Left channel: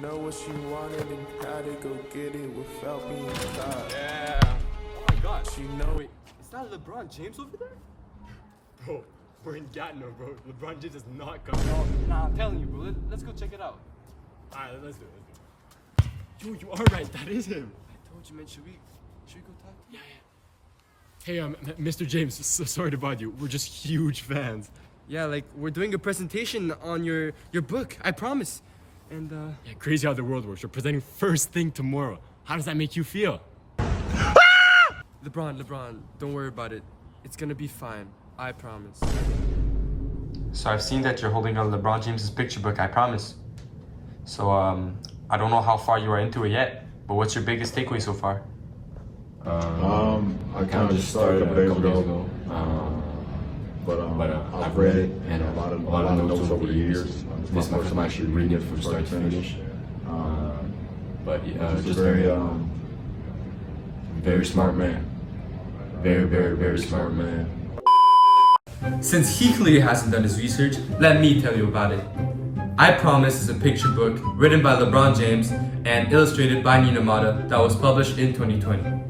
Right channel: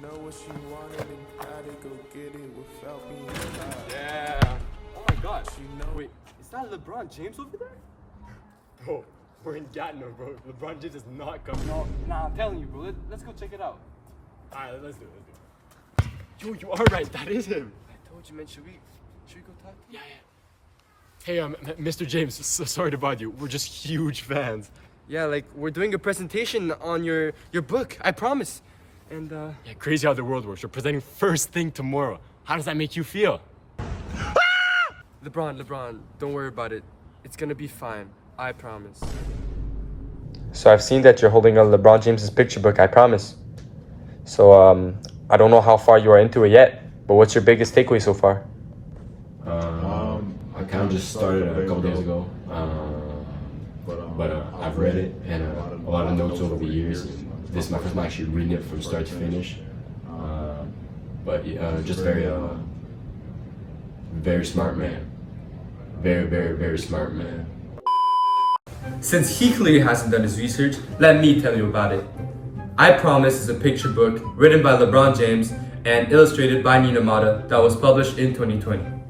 know what she wanted and had to go get it without being caught. Yeah. Oh my god. She know. Wait, is that LeBron James over there? Bro, we're in Gatineau, bro. LeBron James is not coming. Oh, nah, I'm telling you, bro. Let's go check it out. Alright, let's do it. Yo, you are right. That is him. I told you, man. Should we go talk to him? Hey, Mr. James, so sorry to bother you. We're just huge fans. Yeah, like we're doing a presentation on your book. I promise. And Yeah, crazy how the world works. We're presenting first thing tomorrow. How does that make you feel? LeBron, don't worry about it. It's gonna be fine. I promise. So I've seen that you're holding a LeBron James's picture book, I promise. So I don't know how far you are into it yet, but what's your biggest takeaway so far? I kind of just started a couple days ago, but I've read it and a lot of notes over the years. This month I'm actually reading it from start to finish. Just very smart man. Very smart man. Since he clearly hasn't done his research, let me tell you about it. I Promise is a picture book written by LeBron James and illustrated by Nina Mata that was published in 2020.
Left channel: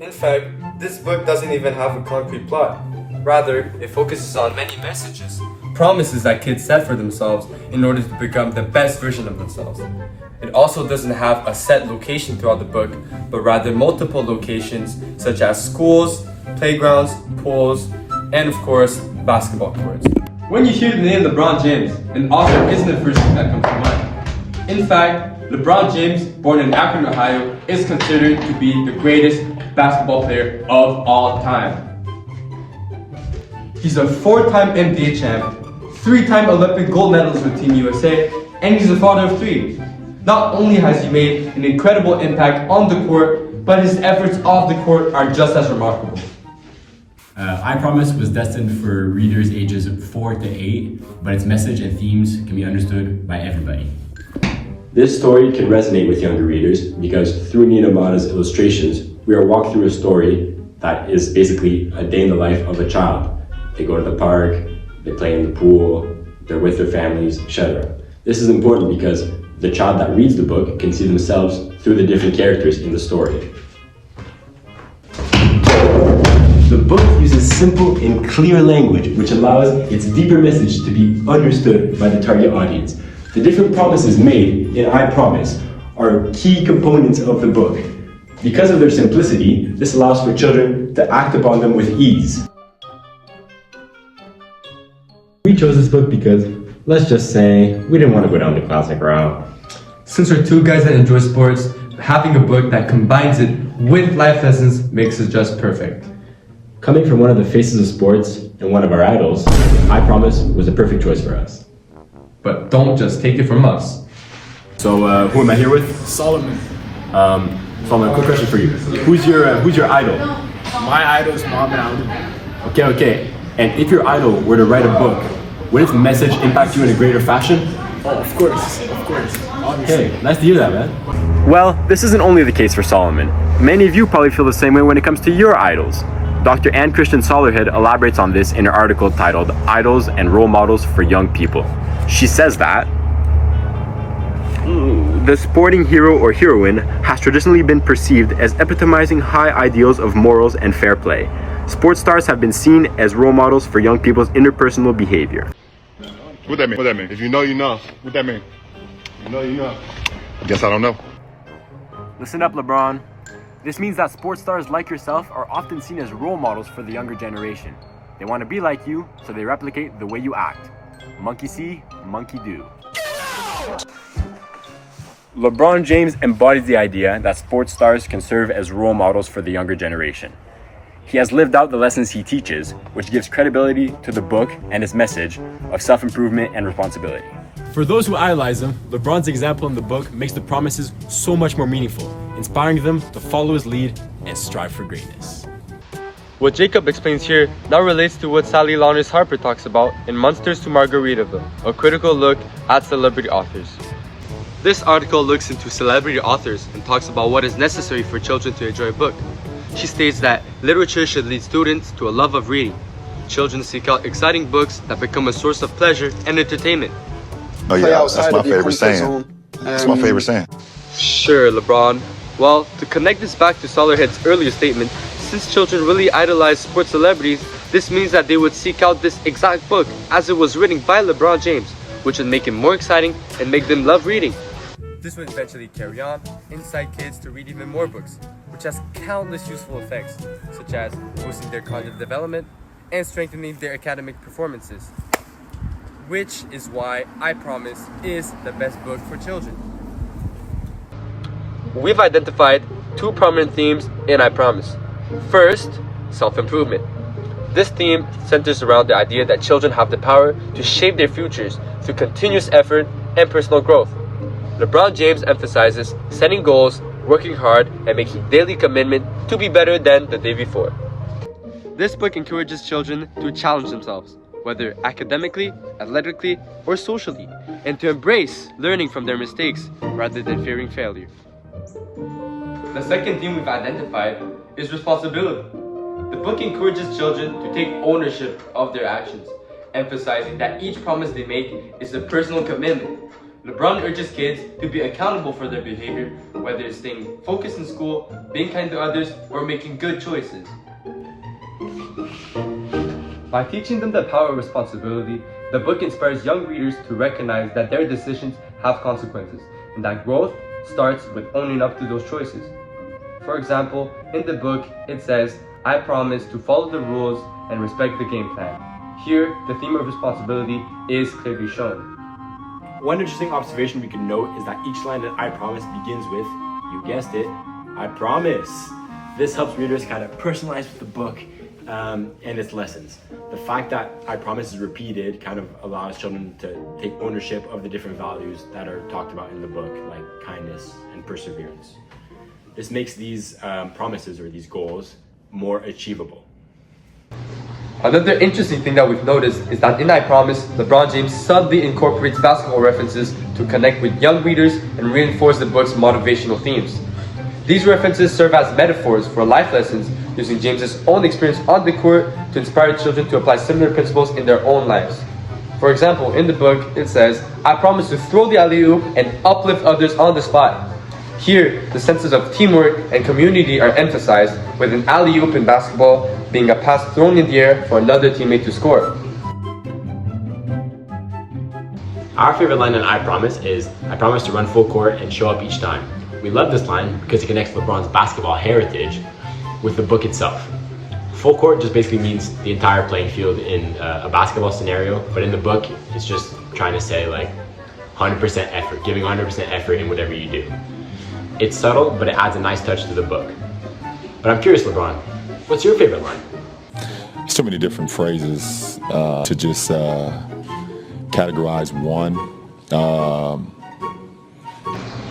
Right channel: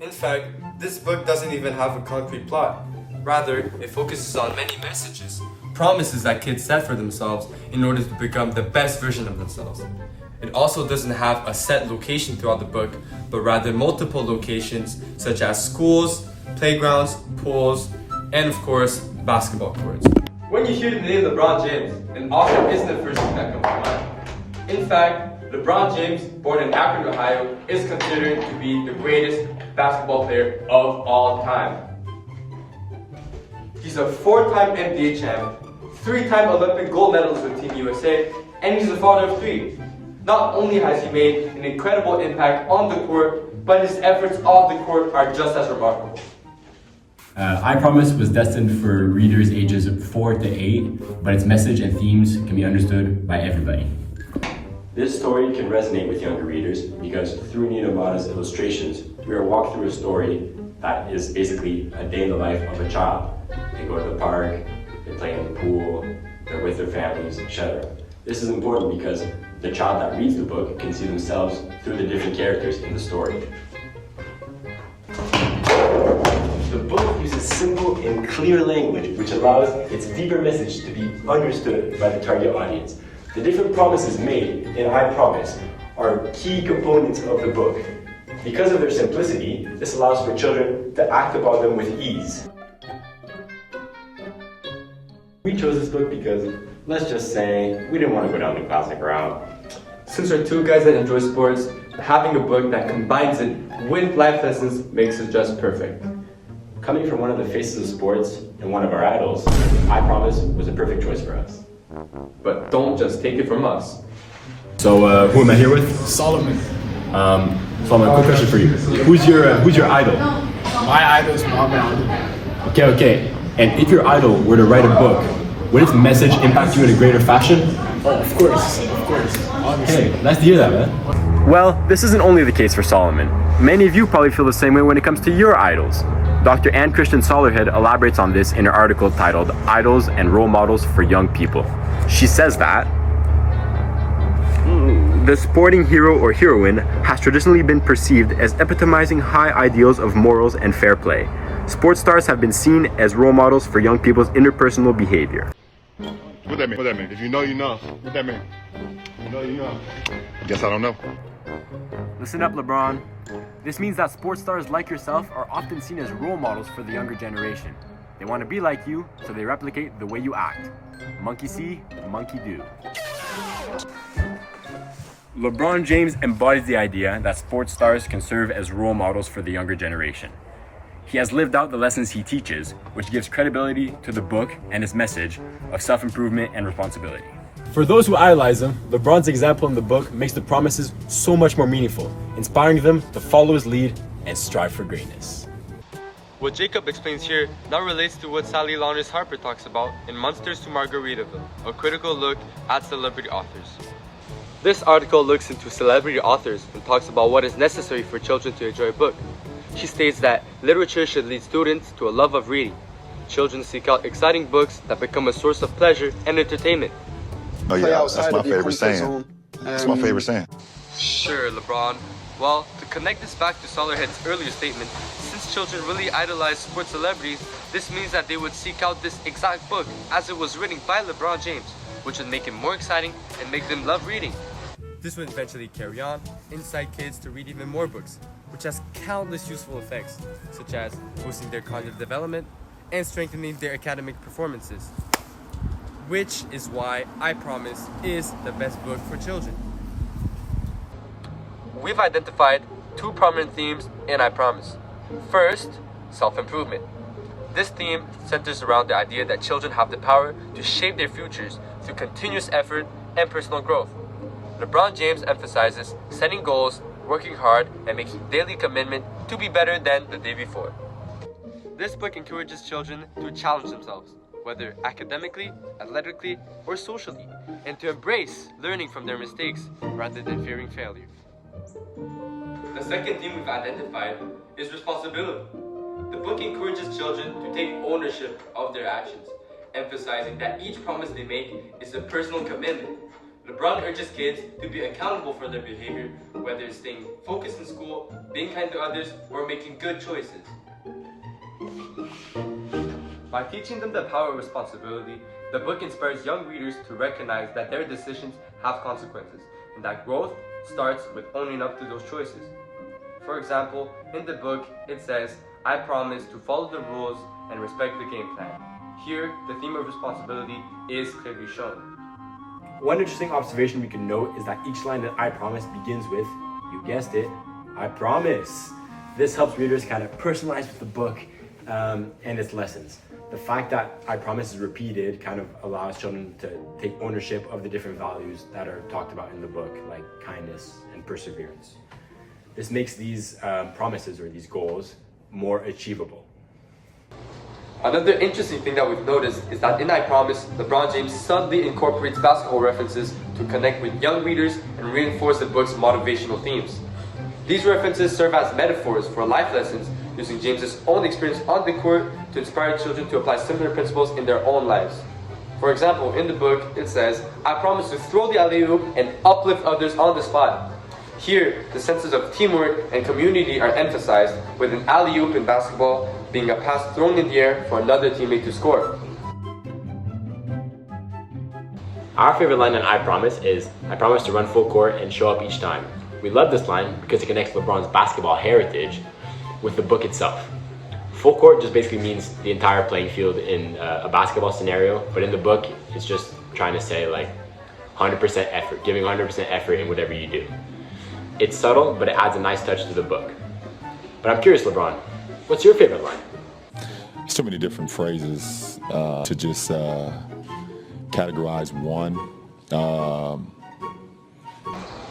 In fact, this book doesn't even have a concrete plot. Rather, it focuses on many messages, promises that kids set for themselves in order to become the best version of themselves. It also doesn't have a set location throughout the book, but rather multiple locations such as schools, playgrounds, pools, and of course, basketball courts. When you hear the name LeBron James, an author isn't the first thing that comes to mind. In fact, LeBron James, born in Akron, Ohio, is considered to be the greatest basketball player of all time. He's a 4-time NBA champ, 3-time Olympic gold medalist with Team USA, and he's a father of 3. Not only has he made an incredible impact on the court, but his efforts off the court are just as remarkable. I Promise was destined for readers ages 4 to 8, but its message and themes can be understood by everybody. This story can resonate with younger readers because through Nina Mata's illustrations, we are walked through a story that is basically a day in the life of a child. They go to the park, they play in the pool, they're with their families, etc. This is important because the child that reads the book can see themselves through the different characters in the story. The book uses simple and clear language, which allows its deeper message to be understood by the target audience. The different promises made in I Promise are key components of the book. Because of their simplicity, this allows for children to act upon them with ease. We chose this book because, let's just say, we didn't want to go down the classic route. Since we're two guys that enjoy sports, having a book that combines it with life lessons makes it just perfect. Coming from one of the faces of sports and one of our idols, I Promise was a perfect choice for us. But don't just take it from us. So who am I here with? Solomon. Solomon, quick question for you. Who's your idol? My idol is Muhammad Ali. Okay. And if your idol were to write a book, would its message impact you in a greater fashion? Oh, of course. Obviously. Hey, nice to hear that, man. Well, this isn't only the case for Solomon. Many of you probably feel the same way when it comes to your idols. Dr. Ann Christian Solerhead elaborates on this in her article titled Idols and Role Models for Young People. She says that the sporting hero or heroine has traditionally been perceived as epitomizing high ideals of morals and fair play. Sports stars have been seen as role models for young people's interpersonal behavior. What that mean? If you know, you know. What that mean? You know. Guess I don't know. Listen up, LeBron. This means that sports stars like yourself are often seen as role models for the younger generation. They want to be like you, so they replicate the way you act. Monkey see, monkey do. LeBron James embodies the idea that sports stars can serve as role models for the younger generation. He has lived out the lessons he teaches, which gives credibility to the book and its message of self-improvement and responsibility. For those who idolize him, LeBron's example in the book makes the promises so much more meaningful, inspiring them to follow his lead and strive for greatness. What Jacob explains here now relates to what Sally Launers Harper talks about in Monsters to Margaritaville, a critical look at celebrity authors. This article looks into celebrity authors and talks about what is necessary for children to enjoy a book. She states that literature should lead students to a love of reading. Children seek out exciting books that become a source of pleasure and entertainment. Oh play yeah, outside that's my of your favorite comfort saying. zone. That's my favorite saying. Sure, LeBron. Well, to connect this back to Solarhead's earlier statement, since children really idolize sports celebrities, this means that they would seek out this exact book as it was written by LeBron James, which would make it more exciting and make them love reading. This would eventually carry on, incite kids to read even more books, which has countless useful effects, such as boosting their cognitive development and strengthening their academic performances. Which is why I Promise is the best book for children. We've identified two prominent themes in I Promise. First, self-improvement. This theme centers around the idea that children have the power to shape their futures through continuous effort and personal growth. LeBron James emphasizes setting goals, working hard, and making daily commitment to be better than the day before. This book encourages children to challenge themselves, whether academically, athletically, or socially, and to embrace learning from their mistakes rather than fearing failure. The second theme we've identified is responsibility. The book encourages children to take ownership of their actions, emphasizing that each promise they make is a personal commitment. LeBron urges kids to be accountable for their behavior, whether it's staying focused in school, being kind to others, or making good choices. By teaching them the power of responsibility, the book inspires young readers to recognize that their decisions have consequences, and that growth starts with owning up to those choices. For example, in the book, it says, "I promise to follow the rules and respect the game plan." Here, the theme of responsibility is clearly shown. One interesting observation we can note is that each line in I Promise begins with, you guessed it, I promise. This helps readers kind of personalize with the book and its lessons. The fact that I Promise is repeated kind of allows children to take ownership of the different values that are talked about in the book, like kindness and perseverance. This makes these promises or these goals more achievable. Another interesting thing that we've noticed is that in I Promise, LeBron James subtly incorporates basketball references to connect with young readers and reinforce the book's motivational themes. These references serve as metaphors for life lessons, using James's own experience on the court to inspire children to apply similar principles in their own lives. For example, in the book, it says, "I promise to throw the alley-oop and uplift others on the spot." Here, the senses of teamwork and community are emphasized, with an alley-oop in basketball being a pass thrown in the air for another teammate to score. Our favorite line in I Promise is, "I promise to run full court and show up each time." We love this line because it connects LeBron's basketball heritage with the book itself. Full court just basically means the entire playing field in a basketball scenario, but in the book, it's just trying to say like 100% effort, giving 100% effort in whatever you do. It's subtle, but it adds a nice touch to the book. But I'm curious, LeBron, what's your favorite line? So many different phrases to just categorize one.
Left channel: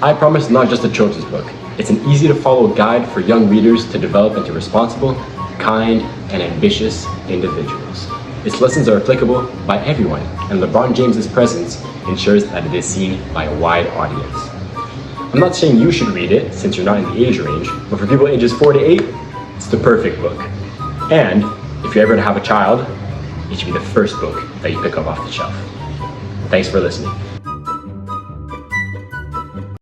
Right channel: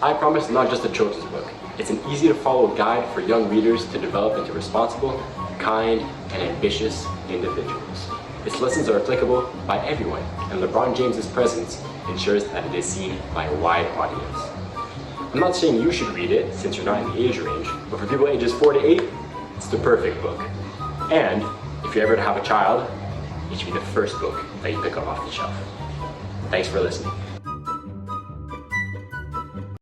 I Promise is not just a children's book. It's an easy to follow guide for young readers to develop into responsible, kind, and ambitious individuals. Its lessons are applicable by everyone, and LeBron James's presence ensures that it is seen by a wide audience. I'm not saying you should read it since you're not in the age range, but for people ages 4 to 8, it's the perfect book. And if you're ever to have a child, it should be the first book that you pick up off the shelf. Thanks for listening.